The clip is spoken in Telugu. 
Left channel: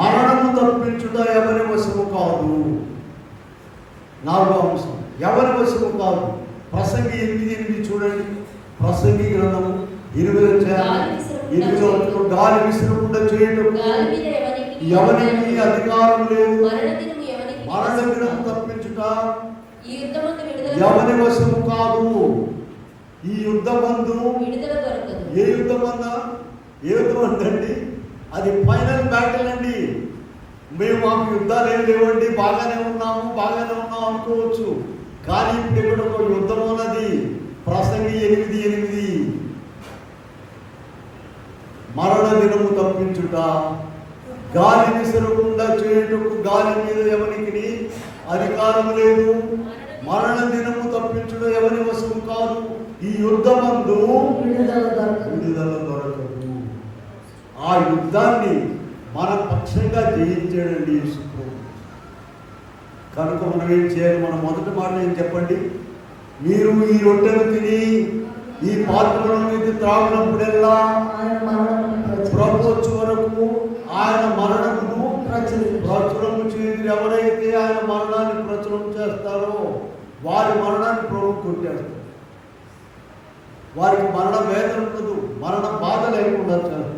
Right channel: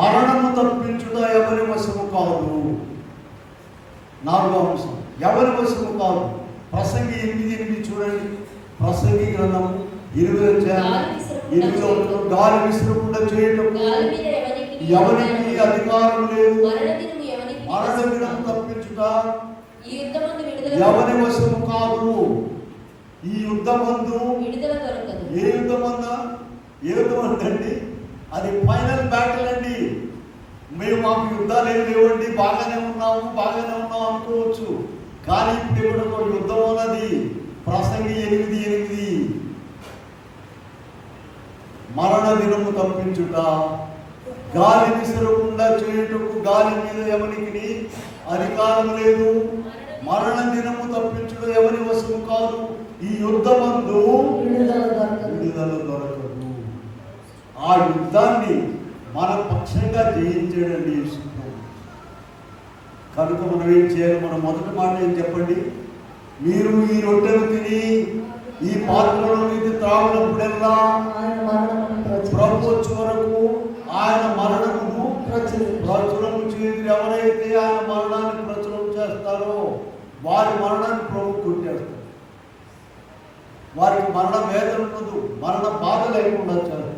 మరణము తప్పించుట ఎవరి వశము కాదు. 4వ అంశం, ఎవరి వశము కాదు. ప్రసంగి 8:8 చూడండి. ప్రసంగి గ్రంథము 8 గాలి విసరకుండా చేయడం ఎవరికి అధికారం లేదు. మరణ దినం తప్పించుట ఎవరి వశము కాదు. ఈ యుద్ధమందు ఏ యుద్ధమందా? ఏ యుద్ధం అండి? అది ఫైనల్ బ్యాటిల్ అండి. మాకు యుద్ధాలు ఏం లేవండి, బాగానే ఉన్నాము అనుకోవచ్చు. కానీ ఇప్పుడు ఒక యుద్ధం ఉన్నది. ప్రసంగి 8:8 మరణ దినము తప్పించుట, గాలి విసరకుండా చేయుటకు గాలి మీద ఎవరికి అధికారం లేదు. మరణ దినము తప్పించుట ఎవరి వశము కాదు. ఈ యుద్ధమందు విడుదల దొరకదు. ఆ యుద్ధాన్ని మన పక్షంగా జయించాడండి యేసు. కనుక మనం ఏం చేయాలి? మన మొదటి మాట ఏం చెప్పండి? మీరు ఈ రొట్టెను తిని ఈ పాత్రను ఇది త్రాగినప్పుడల్లా ప్రభు వచ్చే వరకు ఆయన మరణమును ప్రచురము చేయదు. ఎవరైతే ఆయన మరణాన్ని ప్రచురం చేస్తారో వారి మరణాన్ని ప్రభు కొట్టేస్తారు. వారికి మరణ వేదన ఉండదు, మరణ బాధ లేకుండా చేస్తారు.